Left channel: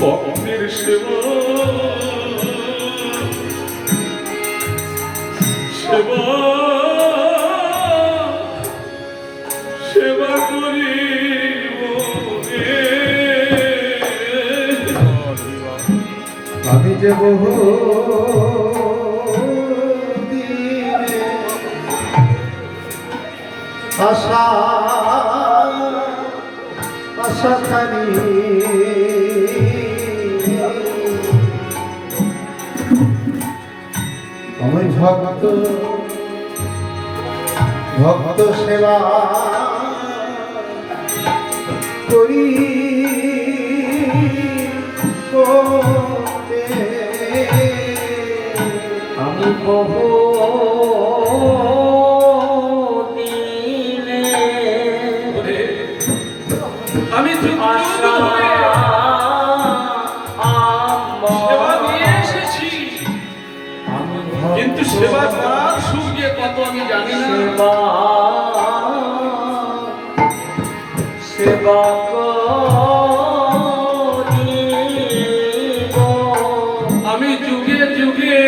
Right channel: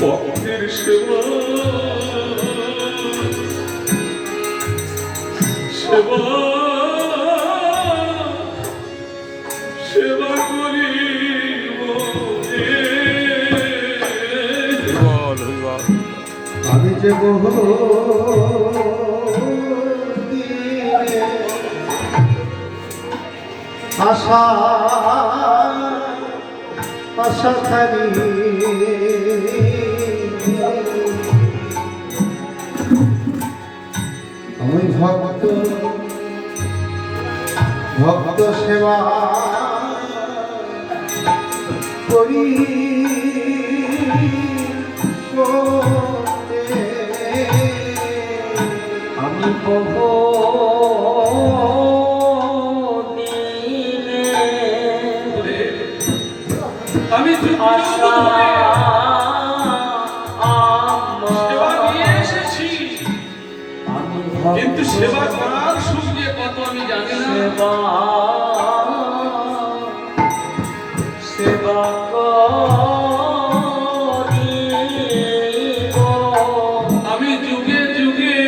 ভক্তের সেবা সেবা সেবা করি আমি যে বহু আশা আশা খানি আমি ভক্ত ভক্ত সেবা করি আমি বহু আমি আশা সেবা নিয়ে এসেছি, কিন্তু সেবা করার সঙ্গে কত আমি জানি না। সেবা আমি যুগে যুগে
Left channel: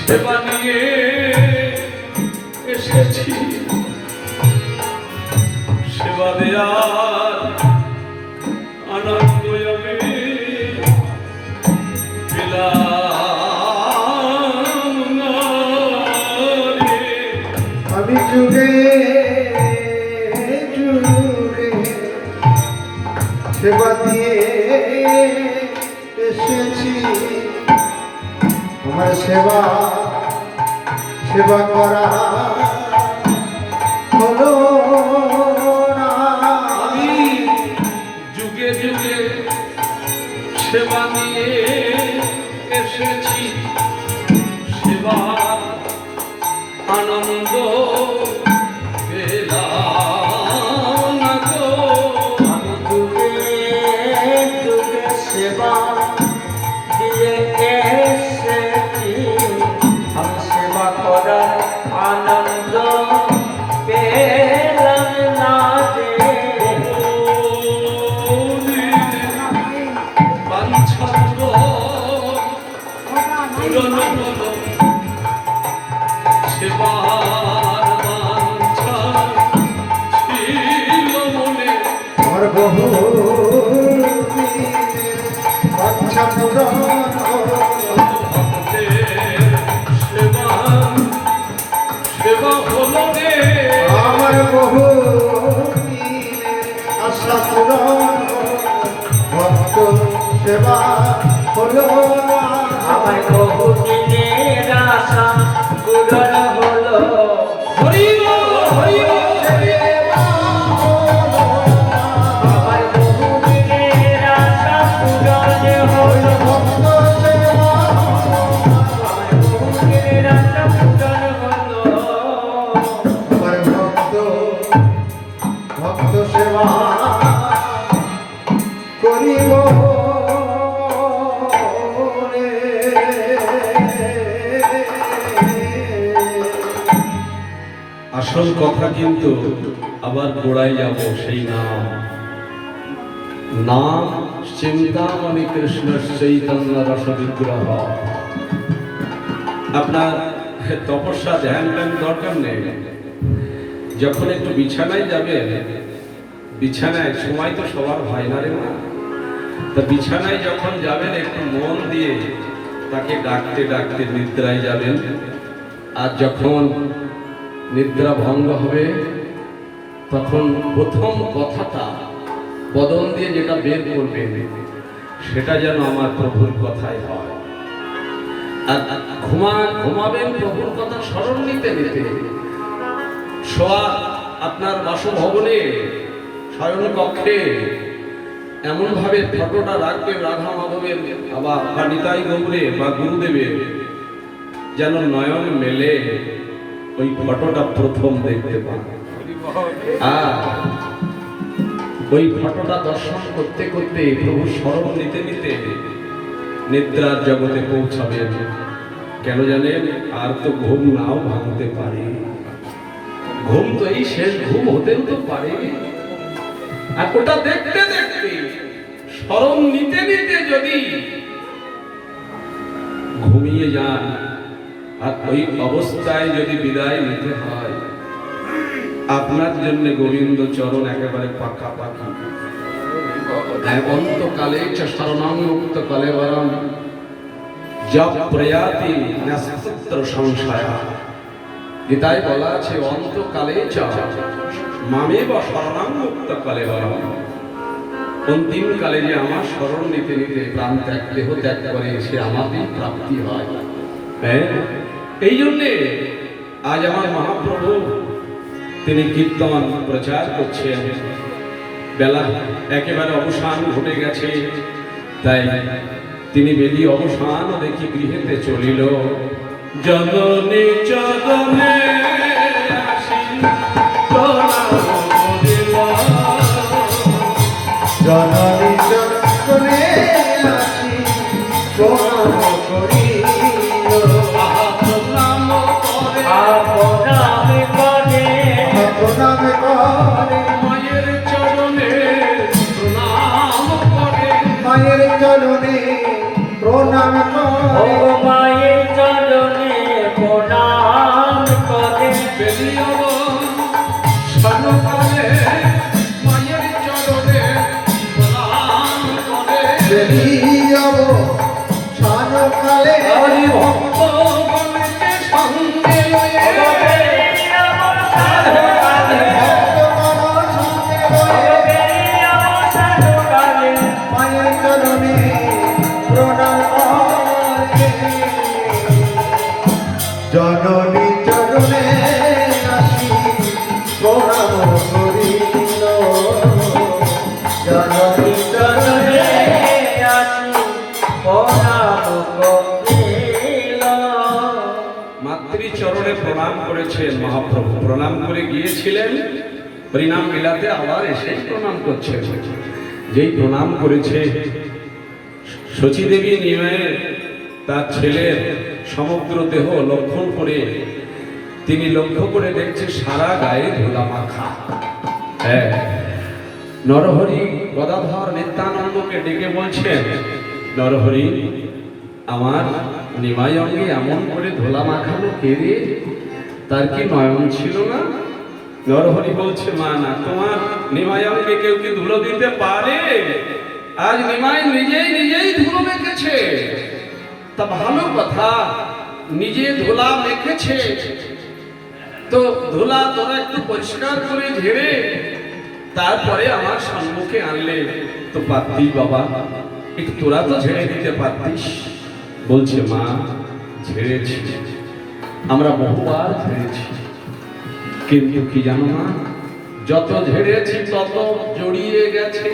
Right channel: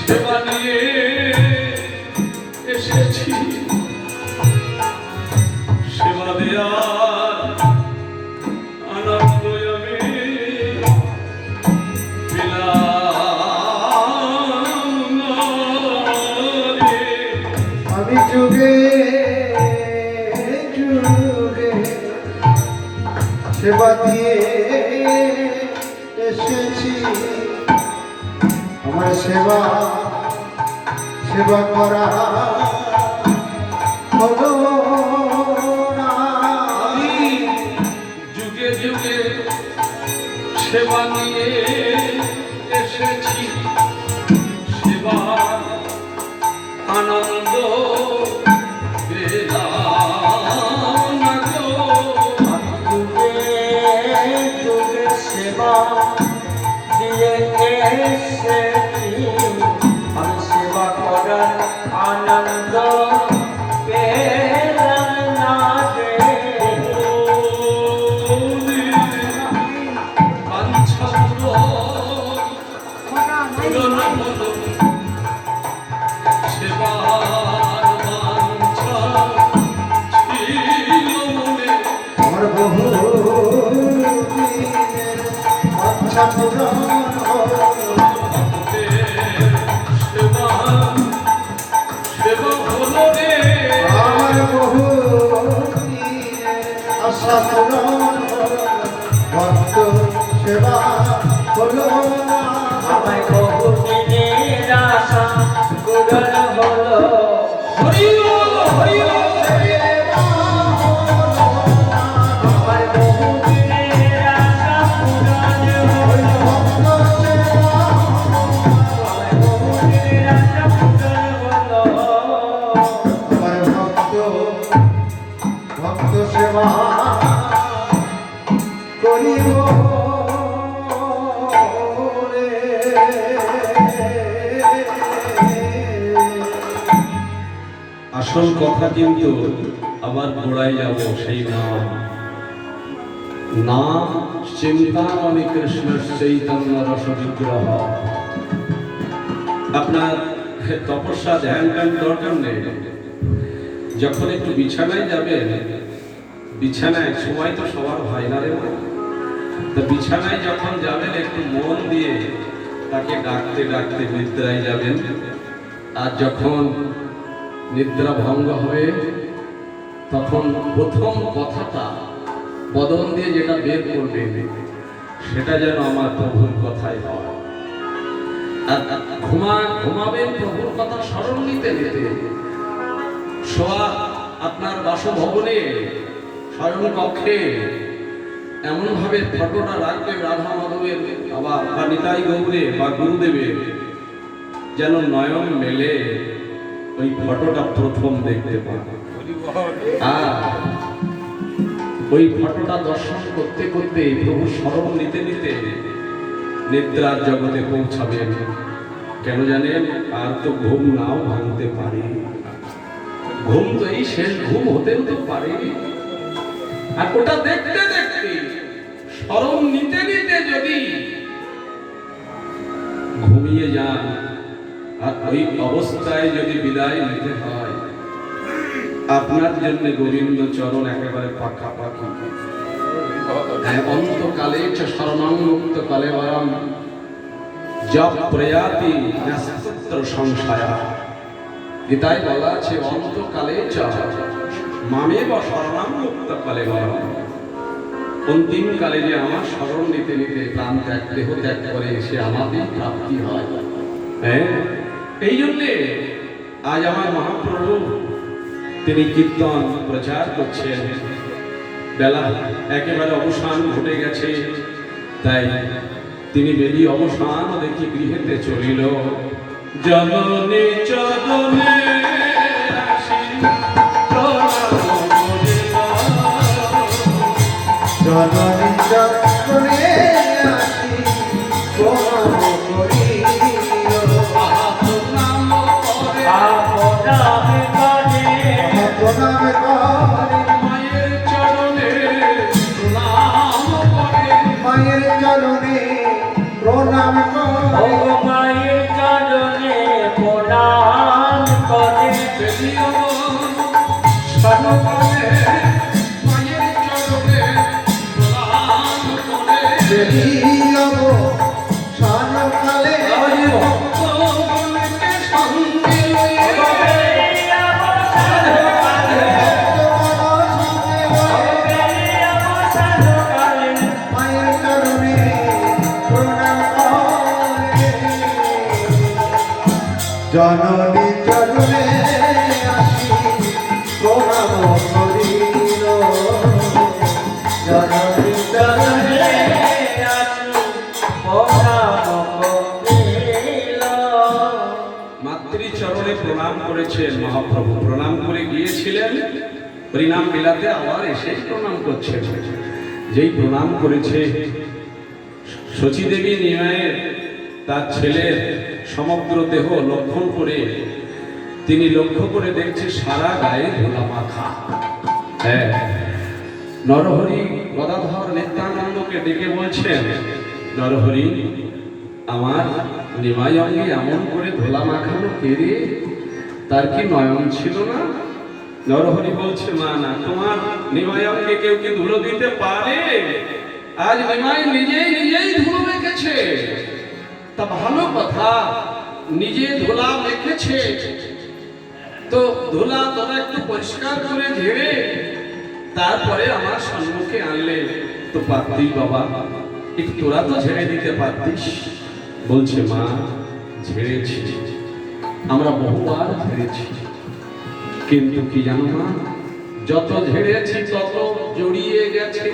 সেবা নিয়ে এসেছি, সেবা দেয়ার আনন্দ আমি পেলাম না রে। আমি যুগে যুগে সেবা দিয়ে এসেছি, আমার সেবা সেবা করা হলো না। আমি যুগে যুগে সেবা নিয়ে এসেছি, সেবার আনন্দ পেলাম না গো। যুগে যুগে সেবা দিয়ে এসেছি, আমি সেবা করার আনন্দ পেলাম না রে। বাঞ্ছা পূরণ হলো, সেবার বাঞ্ছা ছিল মনে। আমার বহু দিনের বাঞ্ছা পূরণ হলো। সেবা সেবা হলো রে। আমার বহু দিনের আশা পূরণ হলো, ভক্ত সেবা হলো না। আমায় বহু দিনের আশা পূরণ হলো। হরি বল, হরি বল। আমার বহু দিনের আশা পূরণ হলো। আমার বহু দিনের আশা পূরণ হলো। আমার ভক্ত ভক্ত সেবা করিব রে। আসল কথা কিন্তু আবার গোড়ায় যাব, সেই নাম নাম চিন্তামণি কৃষ্ণ চৈতন্য রস বিগ্রহ। আপনার তপস্যা ধ্যান ধ্যান দরকার নেই, যখন একটু বিছানায় যাবেন, বিছানায় সময় তো সবার হয় না রে মা, তা বিছানায় যখন যাবেন একটু মন দিয়ে তাকে ডাকতে ডাকতে নিদ্রায় যাবেন। আর যখন নিদ্রা ভঙ্গ হবে তখন প্রথম কথাটা বদন দিয়ে যেটা বের করবেন সেটা যেন আমার প্রভুর কথাই হয়। আর ঘুমাবেন প্রভুর কথা স্মরণ নিতে নিতে। শোয়া আপনার বাসভবনে শয়ন কক্ষে এমনভাবে ফটোটা রাখবেন রাধা মাধবের বা নিতাই গৌরের বা গুরুদেবের, যেন নয়ন মেলে ওই ফটোটা প্রথম দেখতে পাবে। আর ওই ফটোটা দর্শন করতে করতে প্রভু স্মরণ নিতে নিতে নিদ্রার জগতে পৌঁছাবেন। কেন জানেন? আর তো ঘুম নাও ভাঙতে পারে, ঘুম তো এই শেষ ঘুম হতেও তো পারে। আর ওটা দেখতে দেখতে স্মরণ নিতে নিতে যদি ঘুমিয়ে যান আর ওই অবস্থায় যদি বিদায় নিতে হয়, আপনার জন্য গোবিন্দ চরণ একেবারে পাকাপাকি। অন্তকালে চ শরণং মুক্তকালে বরং জপ প্রয়াতি নস্তুত্র সংশয়। গীতায় বলা আছে অন্তকালে চ মামেব শরণং মুক্তকালে বরং। অন্তিম কালে যে আমার শরণ নিতে নিতে প্রাণ ত্যাগ দেহ ত্যাগ করে সে আমাদের প্রাপ্তি হয়। হ্যাঁ, এই জন্যে আজ আমার মহাপ্রভু তিনি কীর্তন প্রচার করছেন। বেলা একেবারে অবসান ঘটে গেছে, তাই তিনি বেলি অবসান দেখি গৃহেতে চলিল। জননী চরণে আসি প্রণাম করিল। জননী চরণে আসি প্রণাম করিল। প্রণাম করে আপনামে করে প্রণাম করে মায়ের চরণে প্রণাম করে। মায়ের চরণে প্রণাম ও করে মায়ের চরণে প্রণাম করে। সর্বকালে মায়ের চরণে প্রণাম করে। বেরিয়াব সানকালে হরি ভক্তগণকে সঙ্গে লয়ে ভক্তগণ সঙ্গে লয়ে মায়ের চরণে প্রণাম করে। জননী চরণে আসি প্রণাম করিল। জননী চরণে মাতৃচরণে প্রণাম করেছেন মহাপ্রভু। প্রণাম করে গিয়েছিলেন হরিনাম বিলাতে, আবার এসে প্রণাম করছেন। যেই প্রণাম করেছে শচীদেবী নিমায়ে তার ছেলের সমগ্র দেহ লক্ষণ করে তিনি লক্ষ্য করে দেখছে সারা গায়ে ধুলা মাখা। হ্যাঁ, নরহরি গদাধর নিত্যানন্দকে ডেকে বলছেন, নরহরি আমার নিমাই অঙ্গে এমন করে ধোলা মাখালো কে রে? তার কি নয়ন ছিল না? নরহরি বলছে, মা না, তোমার নিমাই অঙ্গে কেউ কি ধুলো দিতে পারে? আজ নিমাই নিজেই নিজেই ধুলো মেখেছে। তা ভালো কথা, নিজে ধুলা মেখেছে তো ধুলা তোরা একটু পরিষ্কার করে ঝেড়ে তারপরে আমার সম্মুখে আনলে তো পারতিস বাবা, একটু তোরা তো ঝেড়ে দিতে পারতিস। বলছে, মা ঝেড়েছি, আমরা বহুবার ঝেড়েছি, কিন্তু কি জানো না, যত ঝেড়েছি তত জড়িয়ে গেছে।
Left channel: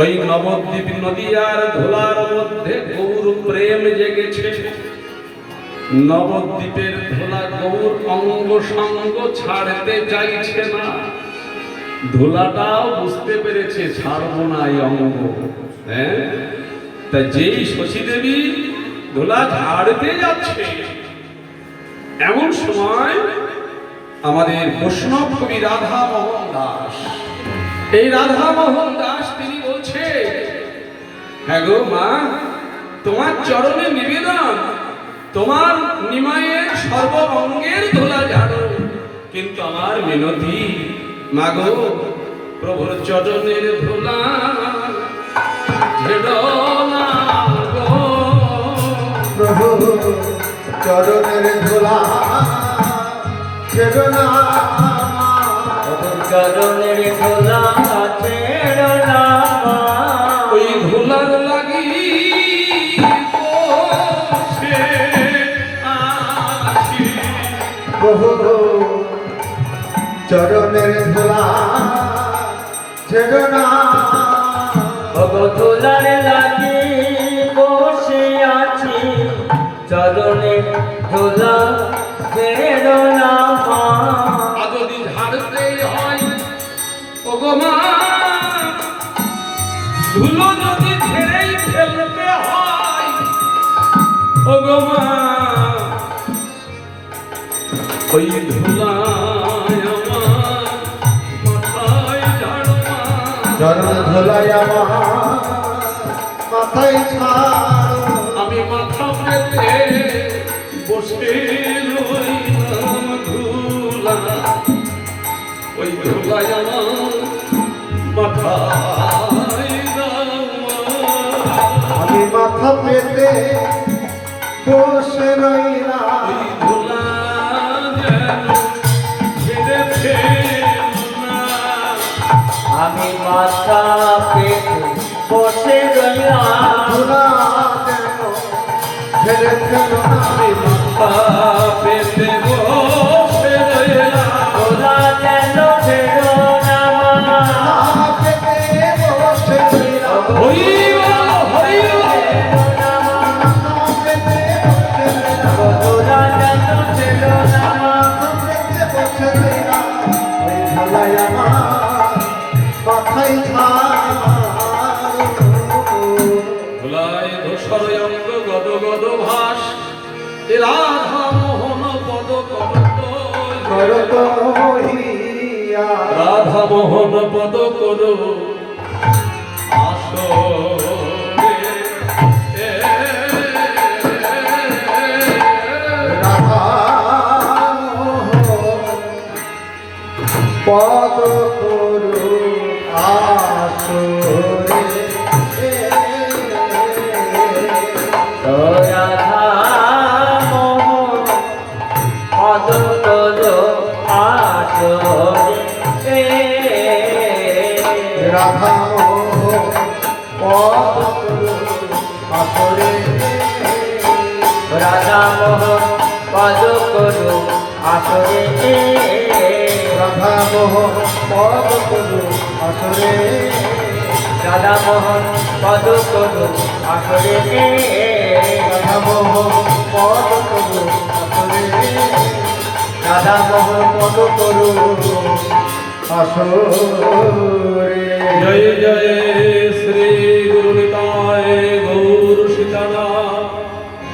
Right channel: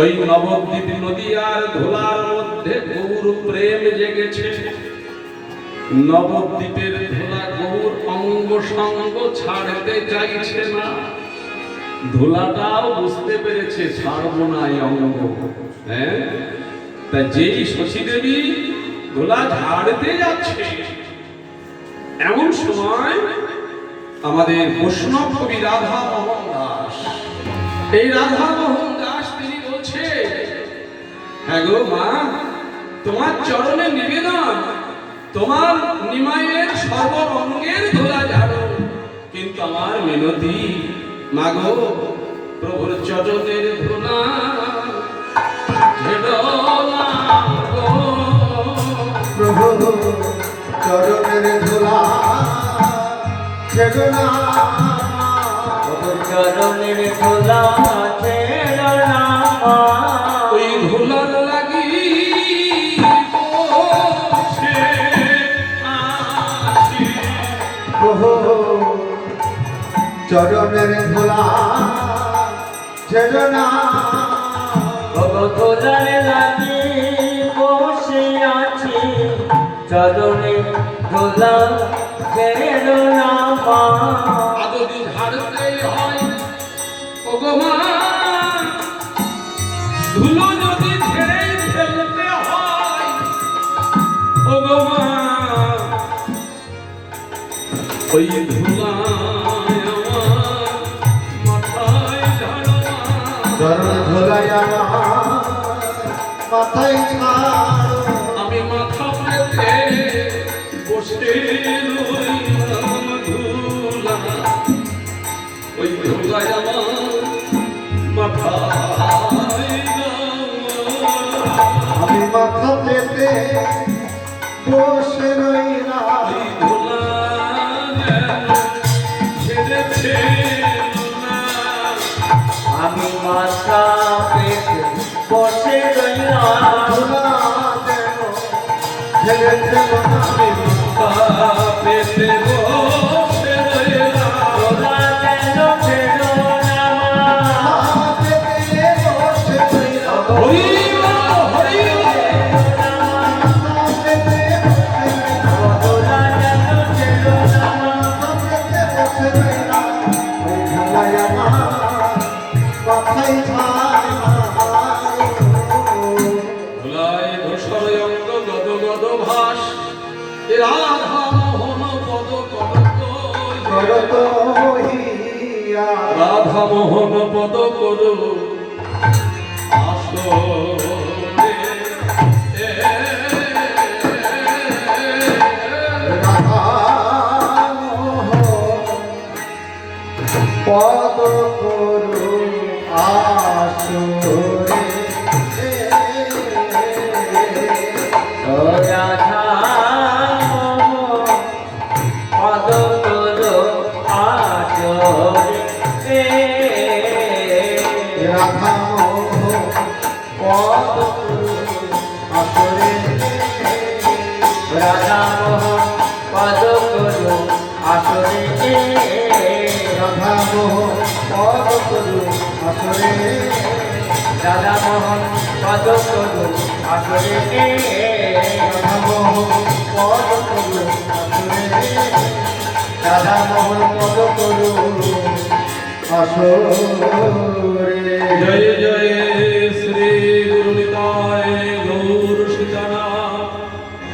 ওই নবদ্বীপ নদী আর ধোলার মধ্যে গৌর প্রেম জেগেছে। নবদ্বীপের ধোলা গৌর অঙ্গ সঙ্গ ছাড়তে চাইছে না। ধোলাটাও বুঝতে পেরেছে ছাড়বো না এই অঙ্গ। হ্যাঁ, তা যেই শচীদেবী ধোলা ঝাড়তে যাচ্ছে, এমন সময় আমাদের বৈষ্ণব কবি রাধা মোহন দাস, এই রাধা মোহন দাস তিনি বলছে, হ্যাঁ গো মা, তোমার চরণে নিবেদন, তোমার নিমাইয়ের সর্বঙ্গের ধোলা ঝাড়ো, কিন্তু আমার মিনতি মাগো প্রভুর চরণের ধোলা ঝেড়ো না গো। প্রভু চরণের ধুলা ছেড়ো না। চরণের ধুলা ছেড়ো না মা। ওই ধুলার লাগি বসে আছি। প্রভু চরণের ধুলা ছেড়ো না। ভগধুলার লাগি বসে আছি, চরণে ধুলা ছেড়ো না মা। যদি ঝাড়তে হয় ওগো মা, ধুলো যদি ঝেড়েই ফেলতে হয় ওগো মা, ওই ধুলা চরণ ধুলাই আমার মাথায় ছাড়ো আমি মাথা পেতে বসে রইলাম ধুলা ওই ধুলায় আমার মাথায় আমি মাথা পেতে বসে রইলাম ওই ধুলা যেন ছেড়ে ফেলো না। আমি মাথা পেতে বসে রইলাম ধুলা যেন ছেড়ে ফেলো না। আমি মাথা পেতে বসে রইলাম ওরা যেন ফেরো না মাথা পেতে বসে রইলাম হরি বল, হরি বল। মাথা পেতে বসে রইলাম ওরা যেন ফেরো না মাথা পেতে বসে রইলাম ওই ঝালাই আমার মাথায় ছাড়ো ভোলায় ধূসর অঙ্গ গদ গদ ভাস এ রাধা মোহন পদ করত করত হইয়া রাধা মোহন পদ করো আসরে। রাধা পদ করু আসরে রাধা পদ করো আসরে রাধা পদ করু আসরে রাধা মোহন পদ করো আসরে রাধা পদ করু আসরে রাধা মোহন পদ করো আসরে রাধা পদ করু আসরে রাধা পদ করু আসরে জয় জয় শ্রী গুরু নিতায় গৌর সীতানাথ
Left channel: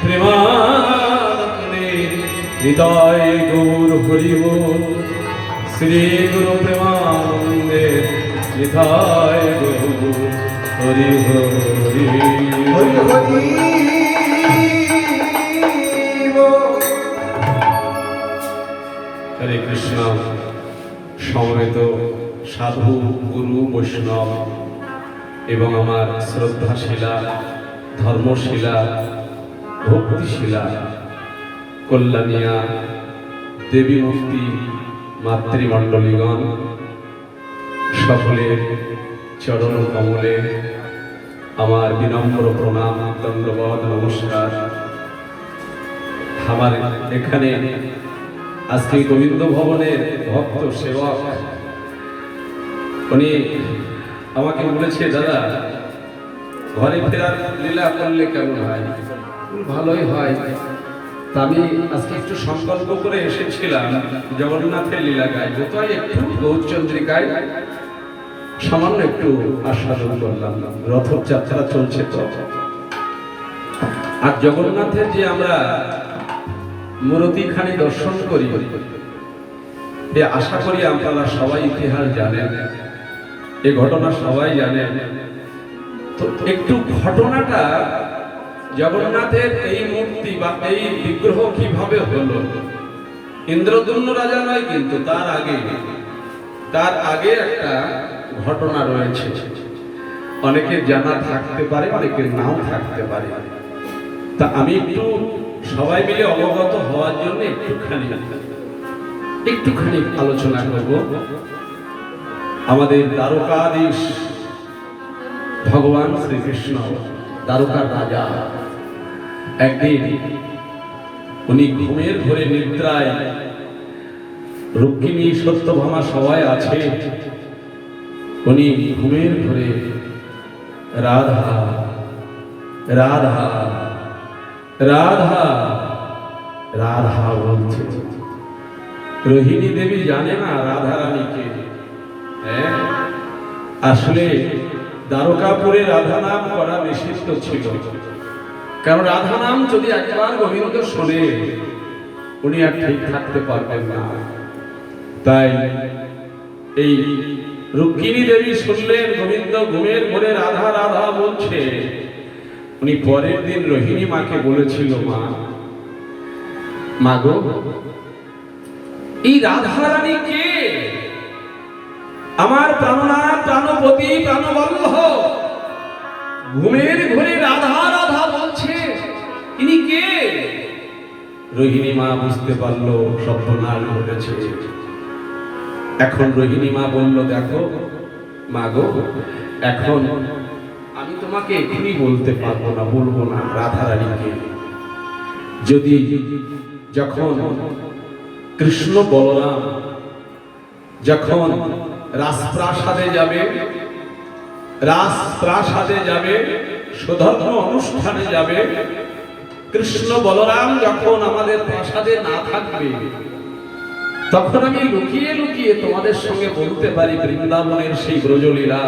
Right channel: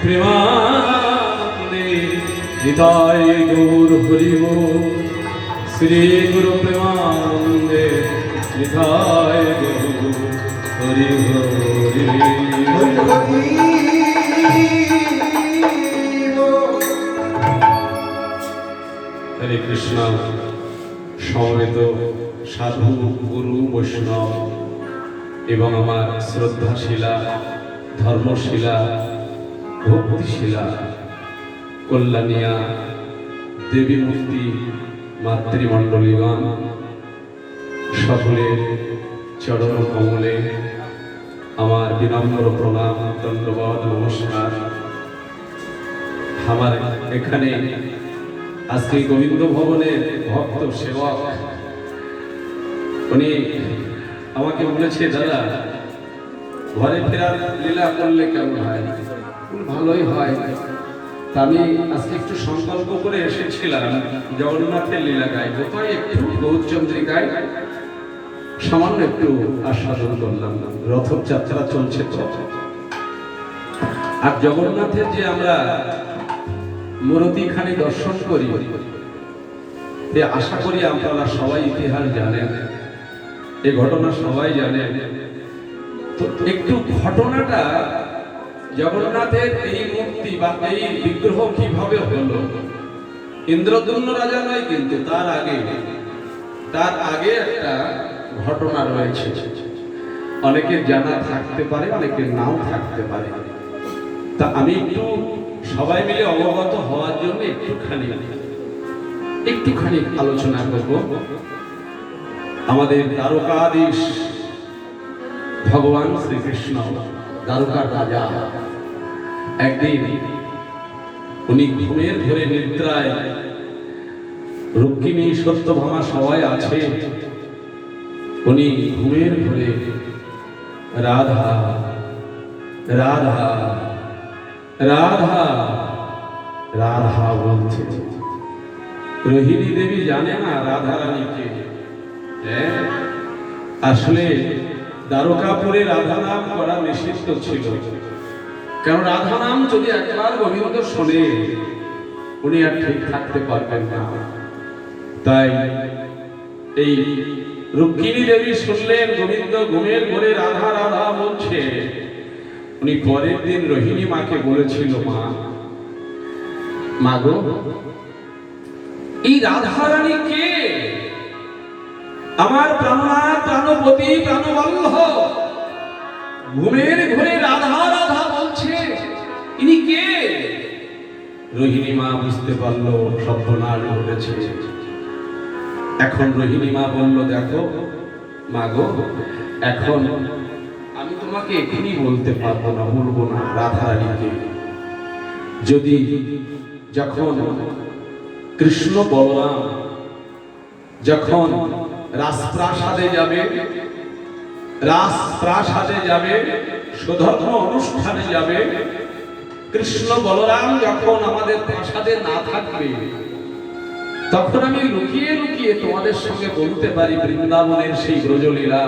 প্রেমানন্দে নিতায় গৌর হরি বল। শ্রী গুরু প্রেমানন্দে নিতায় গৌর হরি হরি হরি হরি বল। হরে কৃষ্ণ। সমবেত সাধু গুরু বৈষ্ণব এবং আমার শ্রদ্ধাশীলা ধর্মশীলা ভক্তিশীলা কল্যাণিয়া দেবী মূর্তি মাতৃমণ্ডলীগণ সকলের চরণ কমলে আমার বিনম্র প্রণাম দণ্ডবত নমস্কার। আমার এখানে আজকে গোবিন্দ ভবনের ভক্ত সেবক উনি আমাকে বলেছে, দাদা ঘরে ফেরার লীলা করলে কেমন হয়? ভালোই হয়। তা আমি আজকে একটু সংকল্প করে এসেছিলাম জগন্নাথের লীলা গাইব, তাই একটু গৌরচন্দ্রিকায় সামান্য একটু আস্বাদন করলাম। রথযাত্রা চলছে তো, আর জগন্নাথের যে আমরা মূর্তিখানি দর্শন করি, এ আশা করি আপনারা সবাই ইতিহাস জানেন, এই ঘটনা সবাই জানেন। তো একটু ঘটনাটা জগন্নাথের এই মূর্তি বা এই বিগ্রহ কিভাবে হলো, ইন্দ্রদ্যুম্ন রাজা নয় কিন্তু তার আগে একটা ঘটনা রয়েছে। অনেকের জানা থাকতে পারে, অনেকের নাও থাকতে পারে। তা আমি একটু সবাই মিলে অবগত হওয়ার জন্য একটুখানি আলোচনা করব। আমাদের দ্বারকাধীশ ভগবান শ্রীকৃষ্ণ, দ্বারকার রাজা, একদিন উনি ঘুমের ঘরে নিদ্রায়, রুক্মিণী সত্যভামা সবাই আছে, উনি ঘুমের ঘরে রাধা রাধা রাধা রাধা বলছে। রোহিণী দেবী জানে না রাধা রানীকে। আসলে দ্বারকাপুরে রাধা নাম করা নিষিদ্ধ ছিল, কারণ রাধা নাম যদি একবার গোবিন্দ শোনে উনি আর ঠিক থাকতে পারবেন না। তাই এই রুক্মিণী দেবী শুনলেন গোবিন্দ ঘুমের ঘরে রাধা রাধা বলছে। উনি পরের দিন রোহিণী মাকে বলেছিল, মা গো, এই রাধা রানী কে? আমার প্রাণনাথ, প্রাণপতি, প্রাণবল্লভ ঘুমের ঘরে রাধা রাধা বলছে, ইনি কে? রোহিণী মা বুঝতে পারলো সর্বনাশ ঘটেছে। এখন রোহিণী মা বলল, দেখো মা গো, এখন আমি তোমাকে এখনই বলতে পারবো না, বলবো না রাধা রানীকে। যদি যখন কৃষ্ণ বলরাম যখন রাজপ্রাসাদে যাবে, রাজপ্রাসাদে যাবে, সুধর্ম অনুষ্ঠানে যাবে, কৃষ্ণ বলরাম যখন আমাদের প্রাসাদে না থাকবে, তখন আমি লুকিয়ে লুকিয়ে তোমাদের সঙ্গে বলতে পারি বৃন্দাবনের সেই ব্রজলীলা,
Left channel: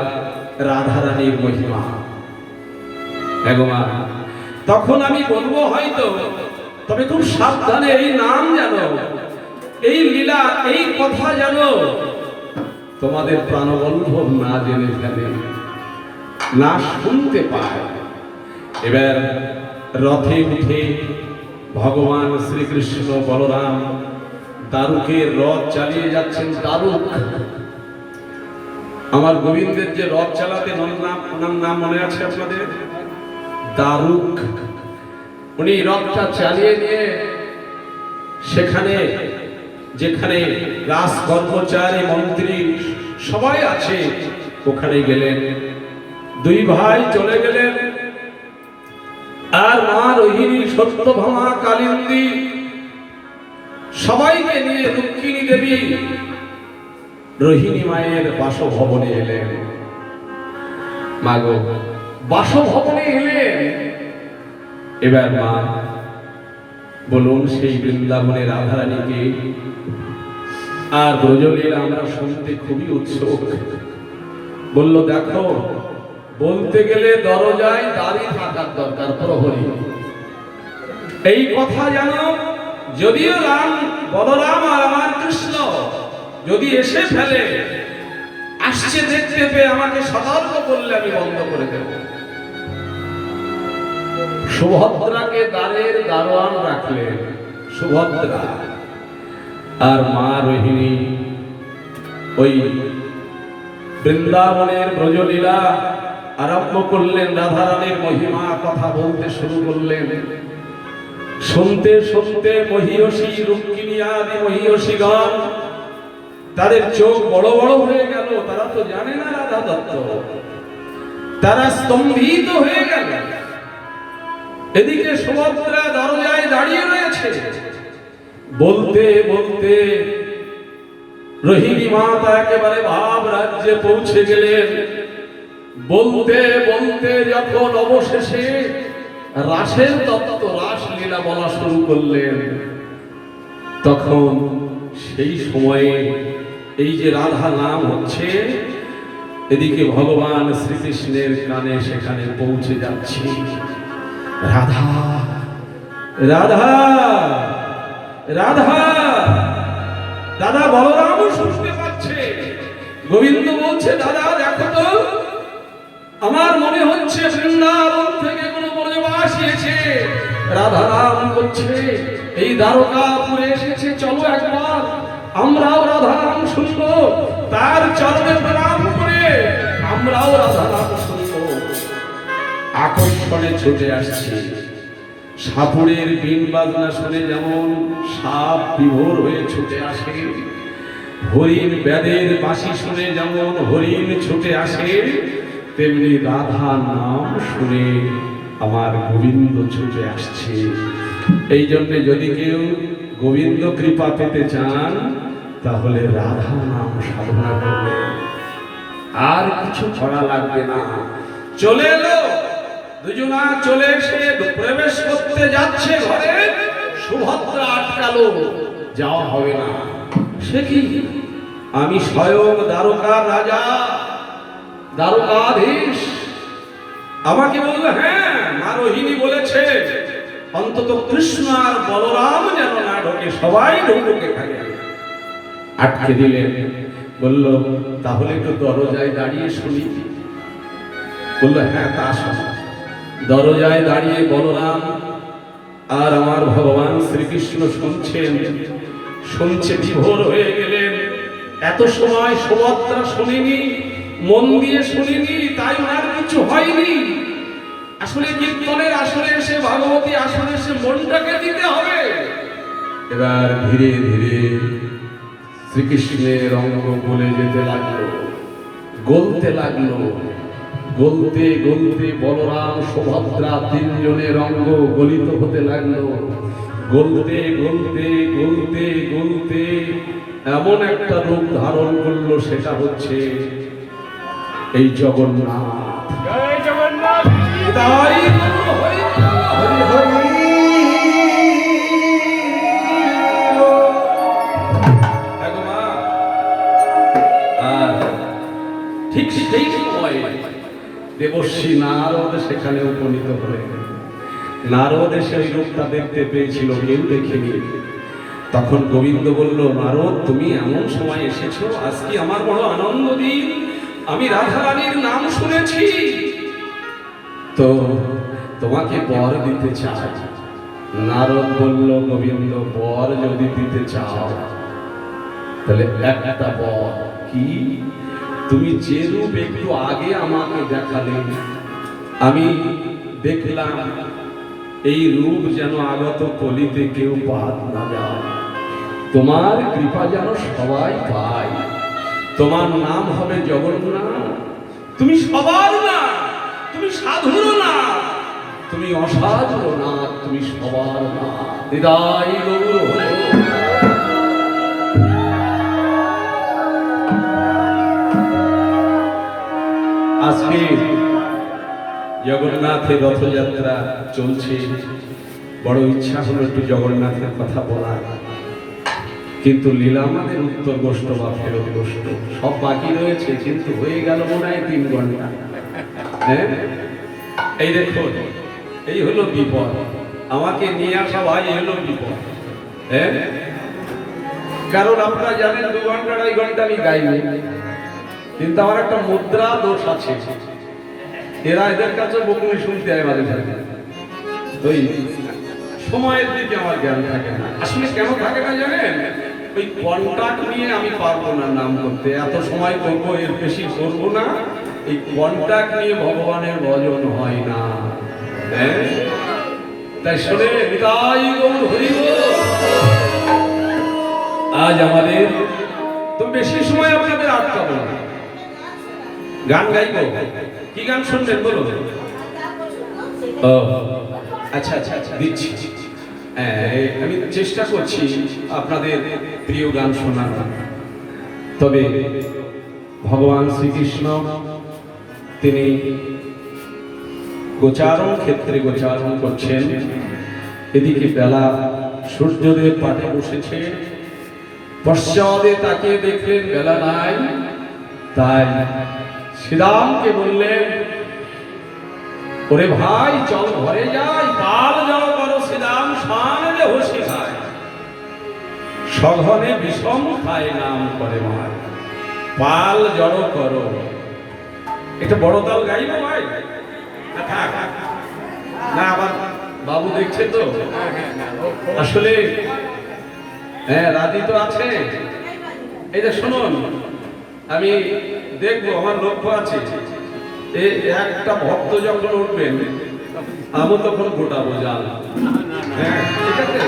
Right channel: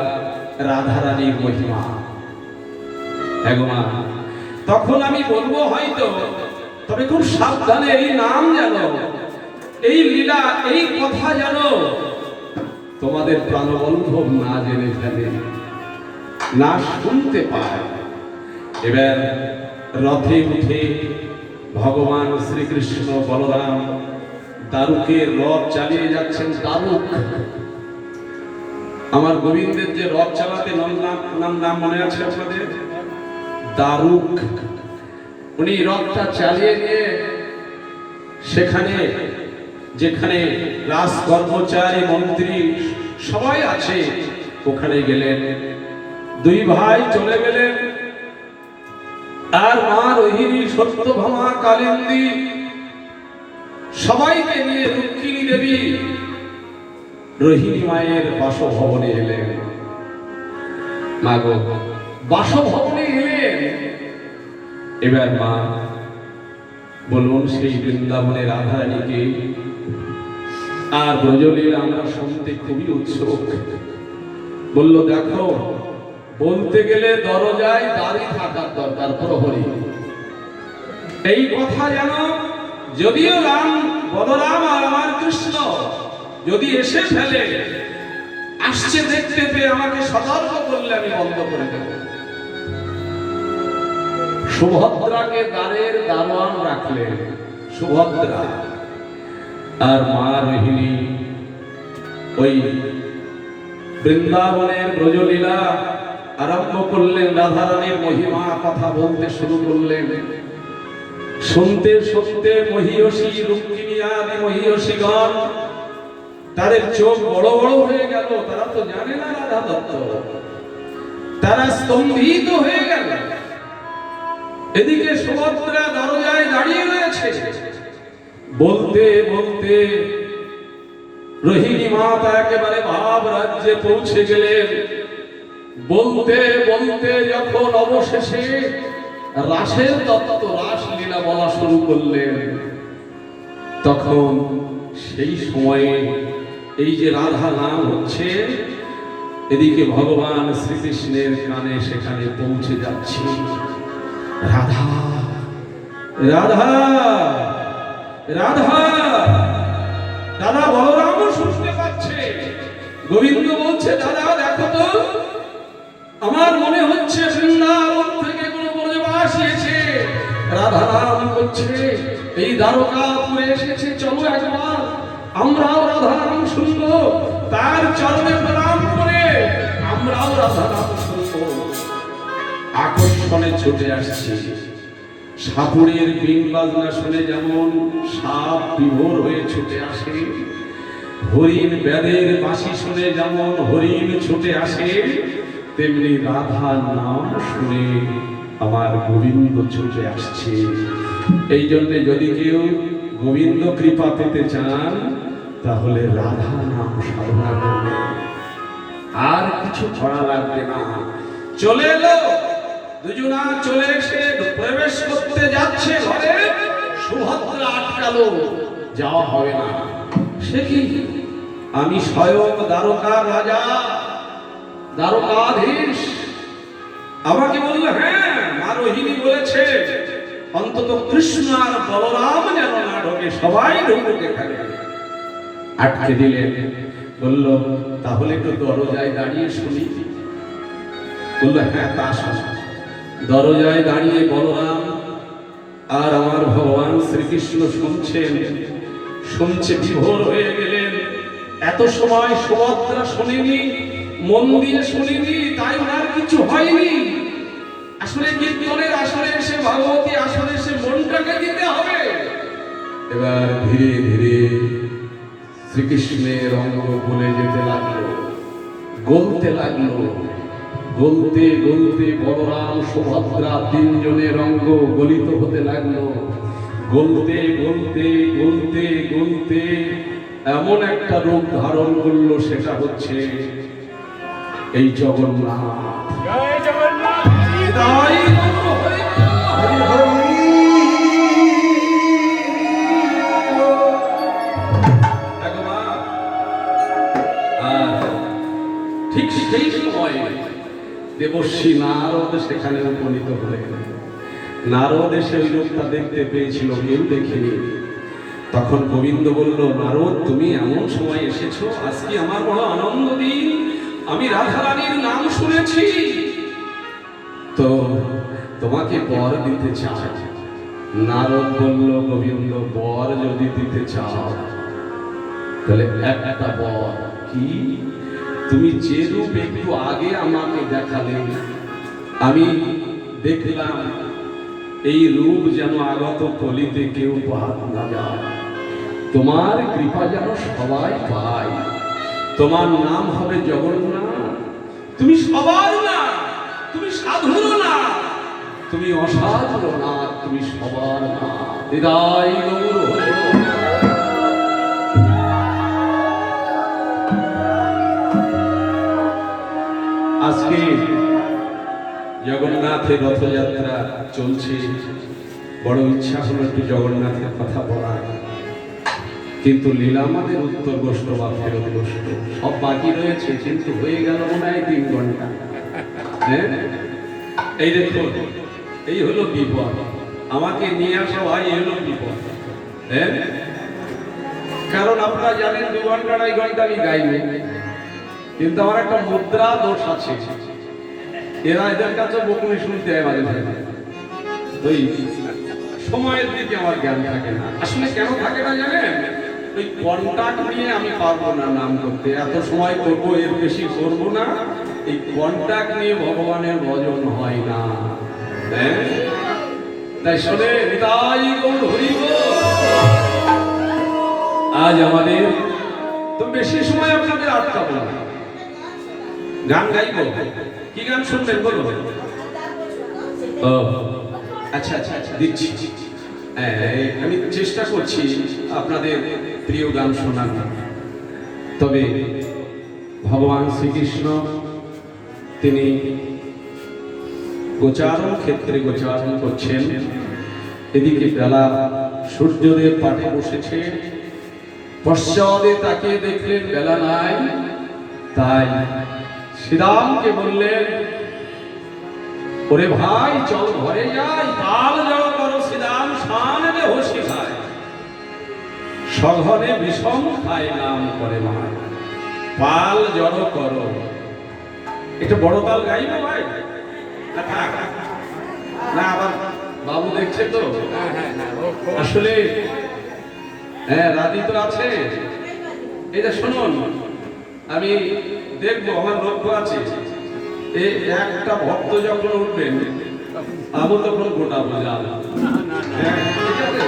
রাধা রানীর মহিমা। মা, তখন আমি বলবো হয়তো, তবে খুব সাবধানে এই নাম জানো, এই লীলা, এই কথা জানো, তোমাদের প্রাণবল্লভ না জেনে ফেলে, না শুনতে পায়। এবার রথে উঠে ভগবান শ্রীকৃষ্ণ বলরাম দারুকের রথ চালিয়ে যাচ্ছেন। দারুক, আমার গোবিন্দের যে রথ চালাতে নাম মনে আছে আপনাদের? দারুক। উনি রথটা চালিয়ে নিয়ে সেখানে যেখানে রাজ কর্মচারী, মন্ত্রী সবাই আছে ওখানে গেলেন। দুই ভাই চলে গেলেন, আর মা রোহিণী, সত্যভামা, কালিন্দী সবাইকে নিয়ে রুক্মিণী দেবী রোহিণী মায়ের বাসভবনে এলেন। মা গো, বাসভবনে এলেন। এবার মা বলুন, সেই বৃন্দাবনের রাধা রানীকে আর ব্রজলীলা আমরা শুনতে খুবই উৎসুক। বলল, দেখো, বলতে গেলে দরজায় দাঁড়িয়ে থাকার দরকার, প্রহরী। এই কথা জানো, যদিও রাম, বলরাম আর আমার কৃষ্ণ যদি এসে ফেলে, আসছে দেখতে পেয়ে আমাকে সতর্ক করলে আমি বন্ধ করে দেব। সুভদ্রাকে দ্বারের দারোয়ান রাখলেন, সুভদ্রা। আর মা রোহিণী ওই বৃন্দাবনের ব্রজলীলা আরম্ভ করলেন, রাধা রানীর মহিমা কথা বলতে শুরু করলেন। শুনতে শুনতে মহিয়সী, রুক্মিণী আদি মহিয়সীগণ তাদের চোখ বড় বড় হয়ে গেল। তারা তো জানে না রাধা তত্ত্ব, তারা স্তম্ভিত হয়ে গেল। এদিকে সুভদ্রা দরজায় দাঁড়িয়ে রয়েছে। বলতে বলতে রোহিণী মাতা একেবারে ভাব রাজ্যে পৌঁছে গেলেন। বলতে বলতে যখন অবশেষে রাসের তত্ত্ব, রাসলীলা বলা শুরু করলেন, তখন সেই সময়ে এই যে রাধা নাম হচ্ছে, এদিকে ভগবান শ্রীকৃষ্ণের কানে সেখানে পৌঁছে যাচ্ছে। রাধা রাধা রাধা, দাদা বলরামও শুনতে পাচ্ছে। গোবিন্দ বলছে, দাদা দেখো তো, আমার মনে হচ্ছে বৃন্দাবন থেকে কোন ব্রজবাসী এসে রাধা নাম করছে, এই দ্বারকাপুরে এসেছে। চলো একবার আমরাও রাধা নাম শুনবো, তার চরণে প্রণাম করে আমরাও রাধা নাম শুনবো। আকর্ষণে ছুটে আসছে। সাপুরের বিন বাজনা শুনে যেমন সাপ বিভোর হয়ে ছুটে আসে, হরিণ ব্যাদের বাঁশি শুনে যেমন হরিণ ছুটে আসে, তেমনি রাধা নাম শুনে আমার গোবিন্দ ছুটে আসছে। এই জন্য যদি কেউ গোবিন্দ কৃপা পেতে চান, তাহলে রাধা নাম সাধনা করবে, আর কিছু করা লাগবে না। চলে এলো, দুজনা চলে এসে প্রবেশ করতে যাচ্ছে ঘরে, সুভদ্রা আটকালো, যাওয়া হবে না। সে কি, আমি স্বয়ং দ্বারকার রাজা, দ্বারকাধীশ। আমাকে বললো, হ্যাঁ মা রোহিণী বলেছে অন্তত কৃষ্ণ আর বলরাম যেন না ঢোকে, সবাই ঢুকে খালি। আটকে দিলেন। বলল তাহলে একটু দরজায় দাঁড়িয়ে শুনি। বলল হ্যাঁ তা শোনো। দরজায় দাঁড়িয়ে বলরাম আর আমার ভগবান শ্রীকৃষ্ণ শুনছেন। শুনছে বিভোর হয়ে গেলেন। এত সময় সুভদ্রা শুনিনি, মন দিয়ে শুনিনি, তাই ওনার কিছু হয়নি। আসলে কীর্তনের আসরে এসে, ভগবতী আসরে এসে মনটাকে দিতে হবে। এবার ধীরে ধীরে শ্রীকৃষ্ণের অঙ্গ গলে যেতে লাগলো, গলতে লাগলো। গলতে গলতে বলরাম সুভদ্রা তিনজনের অঙ্গ গলিত হতে লাগলো। গলতে গলতে গলতে গলতে এমন একটা রূপ ধারণ করলো, সেটা হচ্ছে এই জগন্নাথ। জয় জগন্নাথ। তাই বলবো, হরি বল। হরি হরি ভগবান। আর ঠিক সেই সময়ে দেবর্ষি নারদ সেখানে উপনীত হলেন। নারদ এসে ওই রূপটা দেখতে পেয়েছিল, কেউ দেখেনি। তখন গোবিন্দ বলল, নারদ তুমি এমন সময় এসেছো, আজকে আমার বড় আনন্দ দিন। আমি রাধারানীর নাম শুনেছি, তো তোমাকে বর দিতে চাই। নারদ বলল, গোবিন্দ বর যদি দিতে চাও তাহলে একটা বর কি, তুমি যে রূপ একটু আগে আমাকে দেখালে, আমি দেখলাম এই রূপ যেন আগত কলিতে কেউ বাদ না যায়। তোমার কৃপা যেন সবাই পায়। তোমার নাম হবে জগন্নাথ। তুমি সবার না, তুমি সাধুর না, তুমি অসাধুর না, তুমি সবার না। হৃদয় গৌর। আজকে জগন্নাথের রথযাত্রা চলছে। বড় ইচ্ছা হলো একটু জগন্নাথের কথা বলা, কিন্তু লীলা আমাদের উত্তর গোষ্ঠ বা ফেরত গোষ্ঠ সব বাকি রয়েছে, কিন্তু হয়ে গেল মনে হয় 3 ঘন্টা। হ্যাঁ, এই দেখুন, এই হলো বিপদ। আমাকে নিয়ে আসা ভাই, এই হলো বিপদ। হ্যাঁ, কারণ আপনারা জানেন 2 ঘন্টা 2.5 ঘন্টা আমি গাইনি, কিন্তু আমার একটা মুদ্রা দোষ আছে। এরা এদের কাছে বকুনি শুনতে হয় মাঝে মাঝে, ওই সময়ের দিকে আমার জ্ঞান থাকে না। আসলে কেন থাকে না জানেন? ওই কন্টাক্ট নিয়ে আমি পারবো না নাম করতে, এত সময় করবো, এর বেশি করবো না। এই কন্টাক্ট নিয়ে ভগবানের ভজন হয় না। হ্যাঁ, তাই শুনে হৃদয় গৌর হরি বল। আজ আমাদের তো বেশি সময় আপনাদের আটকাবো না, গান গাইব। কি গান শুনবেন বলুন? ও আচ্ছা আচ্ছা আচ্ছা, দিচ্ছি। আমি চেষ্টা করছি আপনাদের প্রিয় গান শোনানোর। তবে ভগবান শ্রীকৃষ্ণ তিনি গোচারণ ক্ষেত্রে গোচারণ করছেন। এদিকে বেলা, সূর্যদেব পাটে বসেছে, পশ্চাদে তাকিয়ে দেখলেন বেলা নাই। তাই শ্রীরামকে বললেন, ওরে ভাই চল ঘরে যাই, পাল জড় করো শ্রীরাম, সানলে হসি ভাই, সঘনে বিষম খায় নাম করে মায়, পাল জড় করো। একটা বড় তাল গাইব ভাই? না আবার বাবু দেখছে তো, আসলে হ্যাঁ রাজি তো আছে। এটা শুনুন, আমি দেখবো, আমার লক্ষ্য আছে। এই একটা ভক্ত যখন উঠবেন, আমি তখন গোটা বোঝাল। হ্যাঁ ঠিক আছে।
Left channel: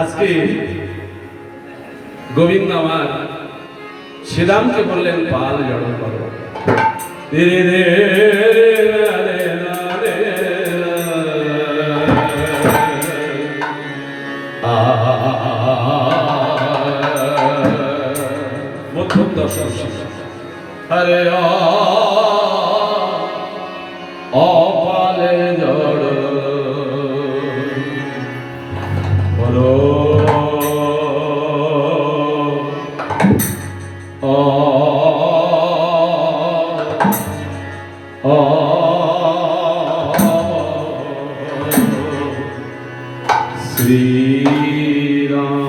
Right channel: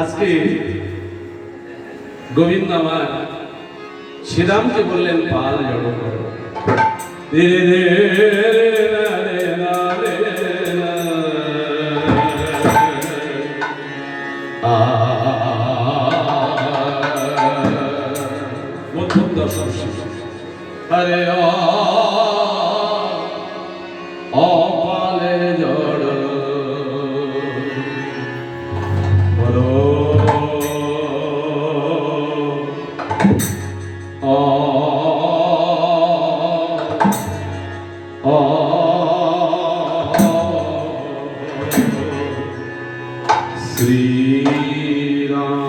আজকে গোবিন্দ আমার শ্রীরামকে বললেন পাল জড় করো। মধ্যম দর্শন আরে অপালে জড় বলো শ্রীরাম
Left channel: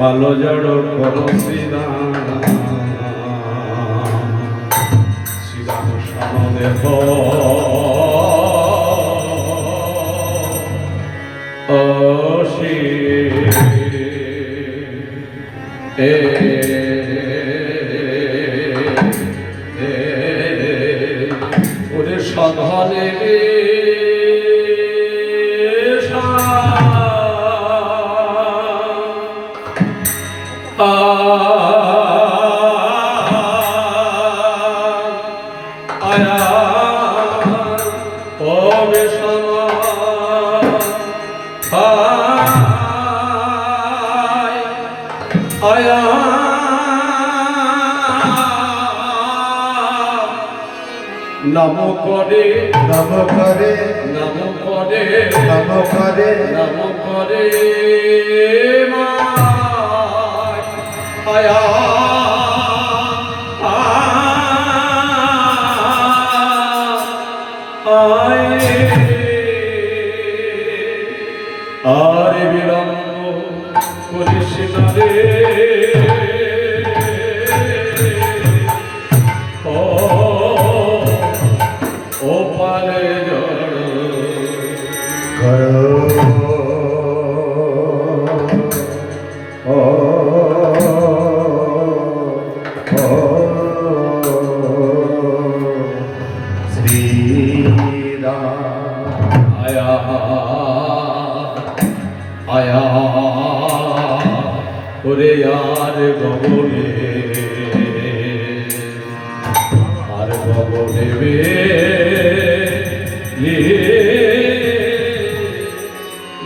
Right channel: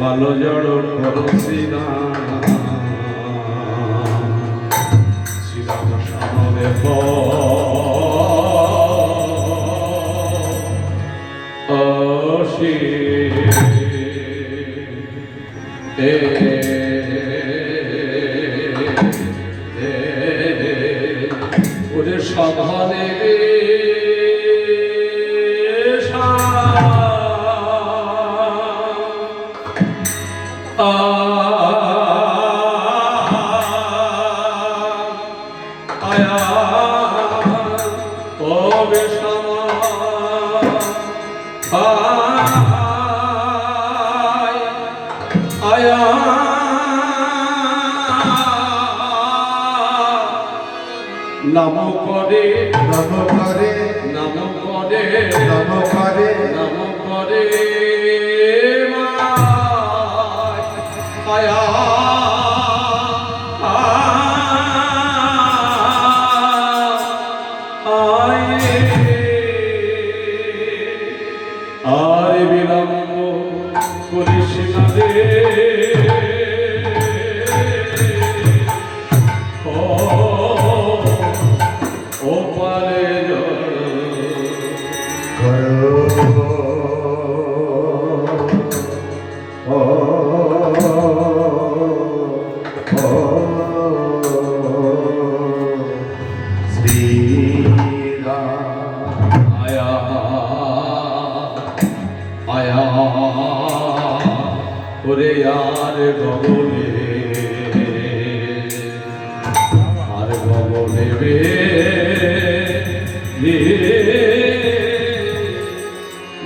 পালো জড় করো শ্রীরাম শ্রীরাম সামনে অশি ওরে সধনে নম করে নম করে নম করে নম করে নম করে আয়া আরে বিলম্ব করিস না রে ও পারে আয়া আয়া ওরে আর গগনে আর গগনে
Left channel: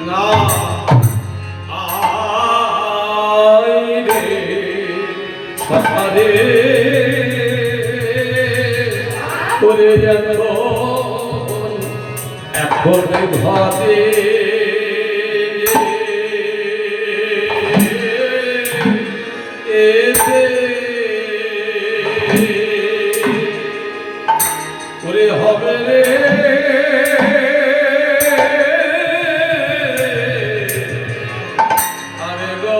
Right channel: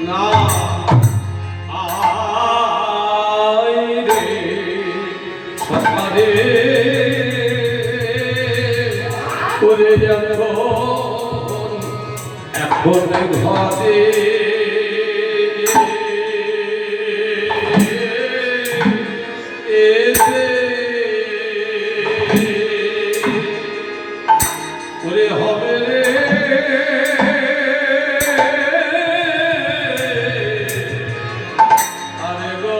না আয় রে সকালে করে যেত এখন ঘরে ওরে হবে রে আরে গো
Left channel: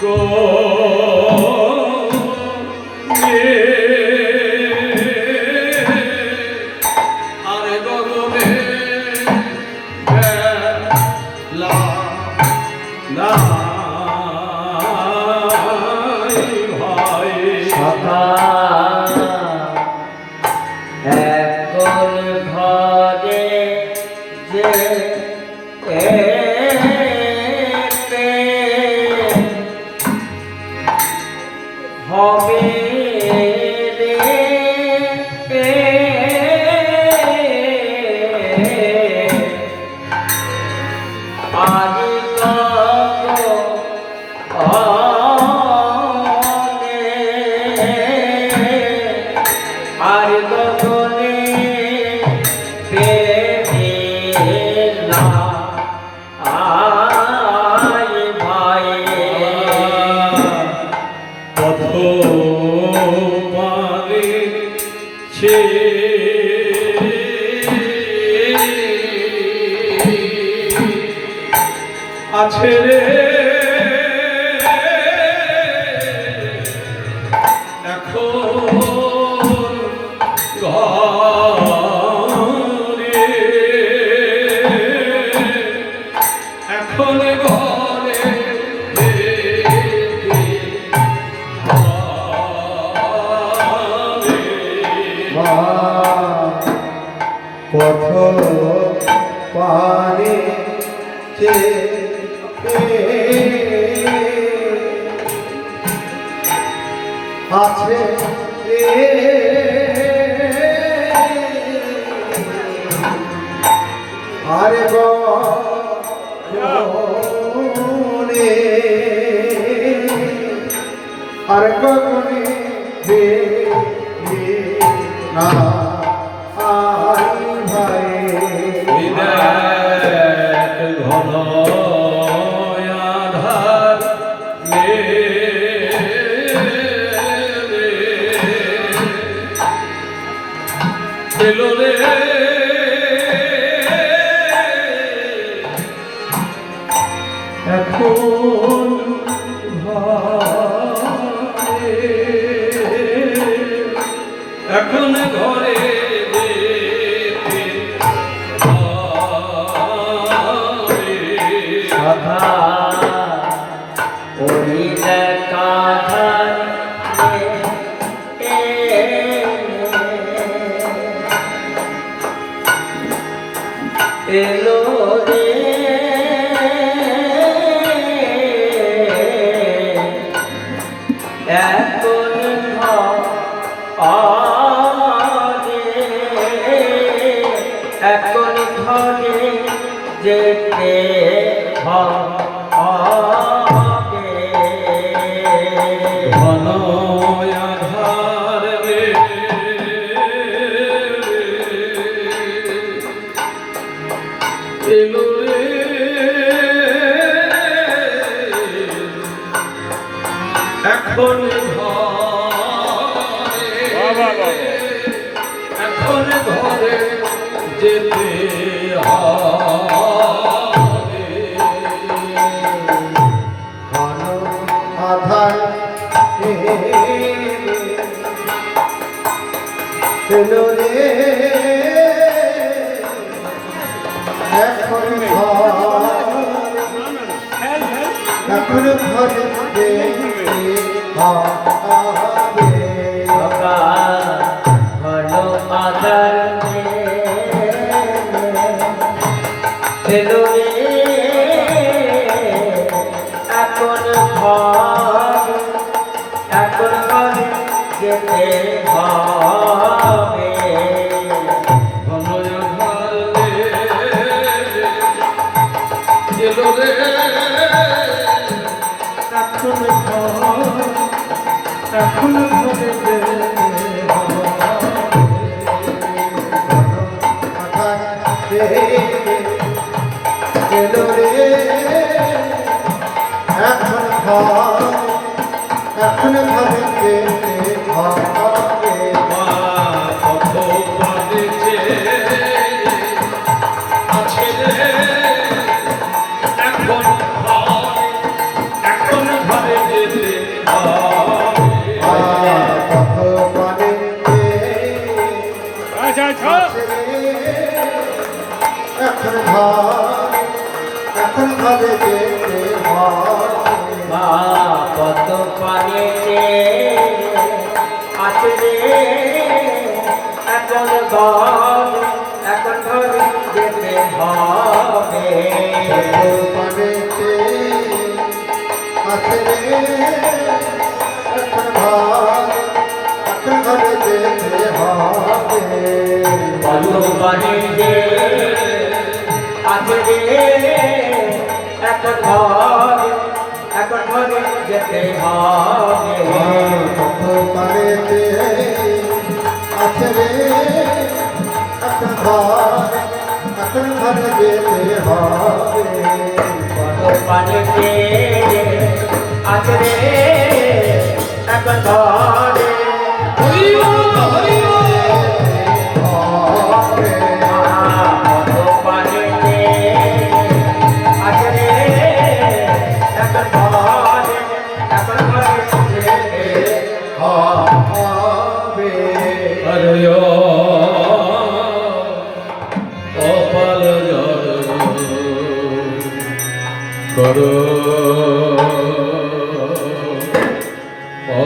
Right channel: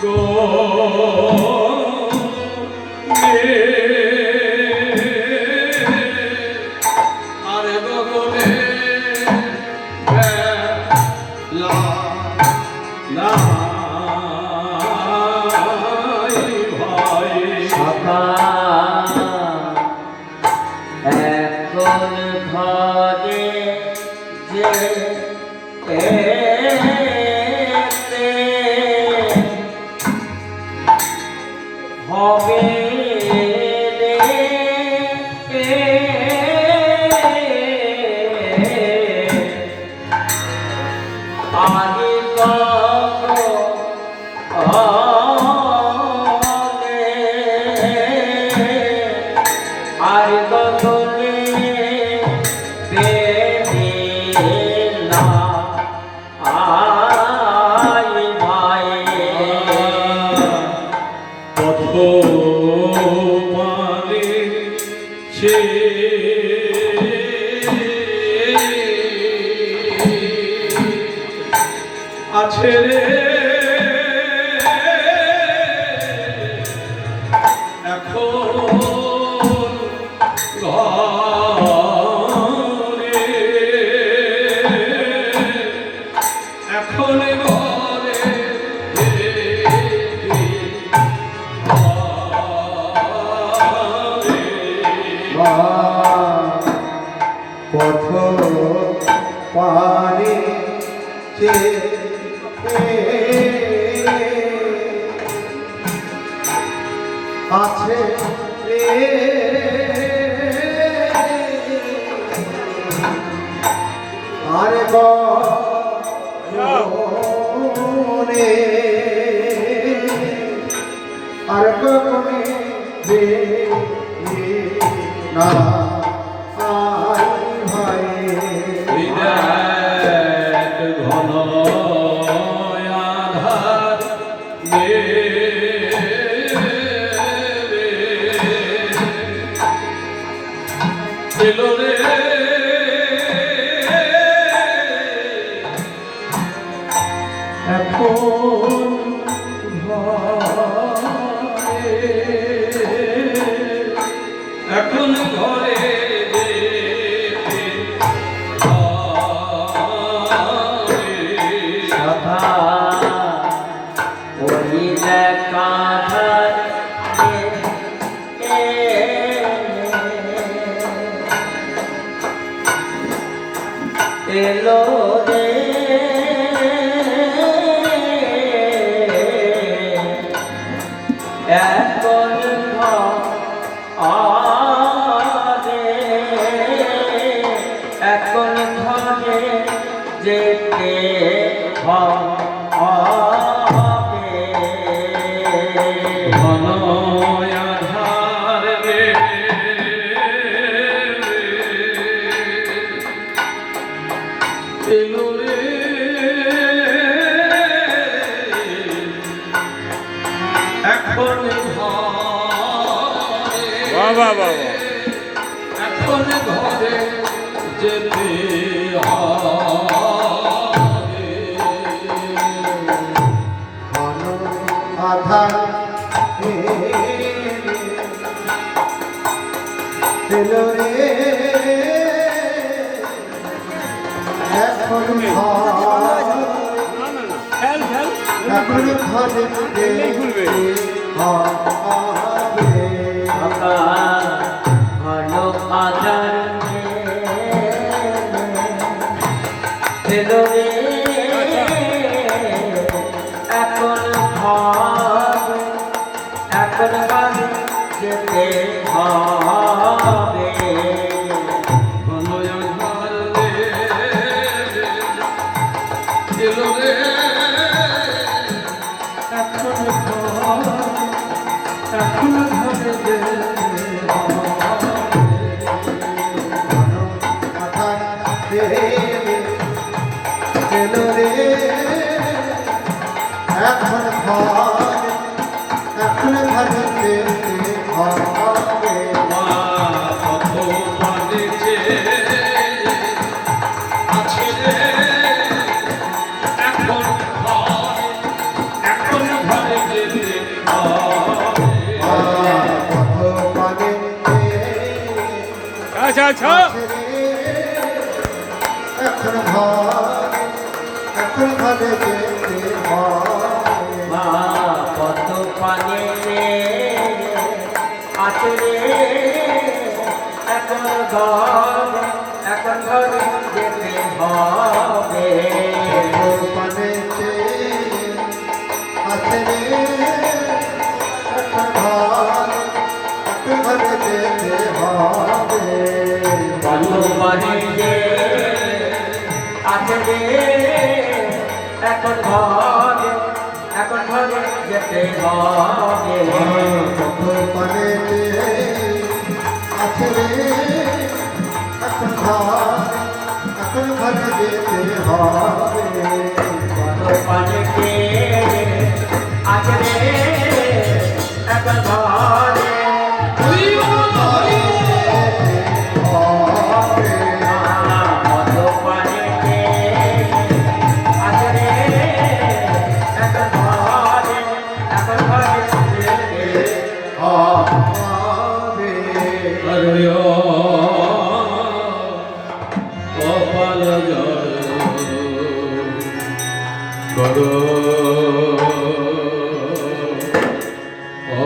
গো আরে গগনে লা লা ভাই সখা এখন ঘরে যে এতে হবে রে আগে আর গগনে বেলা আয় ভাই পথ মানে ছে আছে রে এখন ঘরে এখন ঘরে পথ পানে আছে আর গগনে আর গগনে না আই ভাই বিরাট ঘন আধার এলো রে এলো রে এখন ঘরে এখন ঘরে যেতে হবে ঘন আঁধার রে এলো রে এখন ঘরে এখন ঘরে যেতে হবে ঘন আধার এলো রে এখন এখন ঘরে যেতে হবে বাবা ভালো আধার এলো রে এখন ঘরে যেতে হবে ঘন আঁধার রে এলো রে এখন ঘরে যেতে হবে এলো রে এখন ঘরে যেতে হবে কত বাজেছে আছে রে এখন ঘরে যেতে হবে কত মানে এখন ঘরে যেতে হবে মা কত পানে আছে রে এখন ঘরে যেতে হবে পানেতে আছে রে এখন ঘরে যেতে হবে কত পানে আছে রে এখন ঘরে যেতে হবে কত পানেতে আছে রে এখন ঘরে যেতে হবে কত পানে আছে রে এখন ঘরে কত পানে আছে রে এখন ঘরে যেতে হবে আরে কপাল বড় ও